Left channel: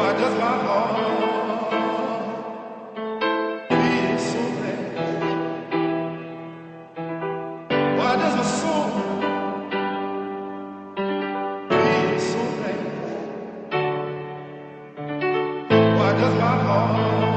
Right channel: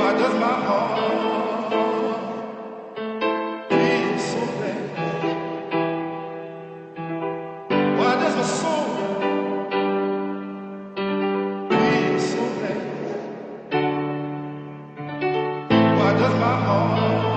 Why does my heart feel so bad? Why does my soul feel so bad? Why does my heart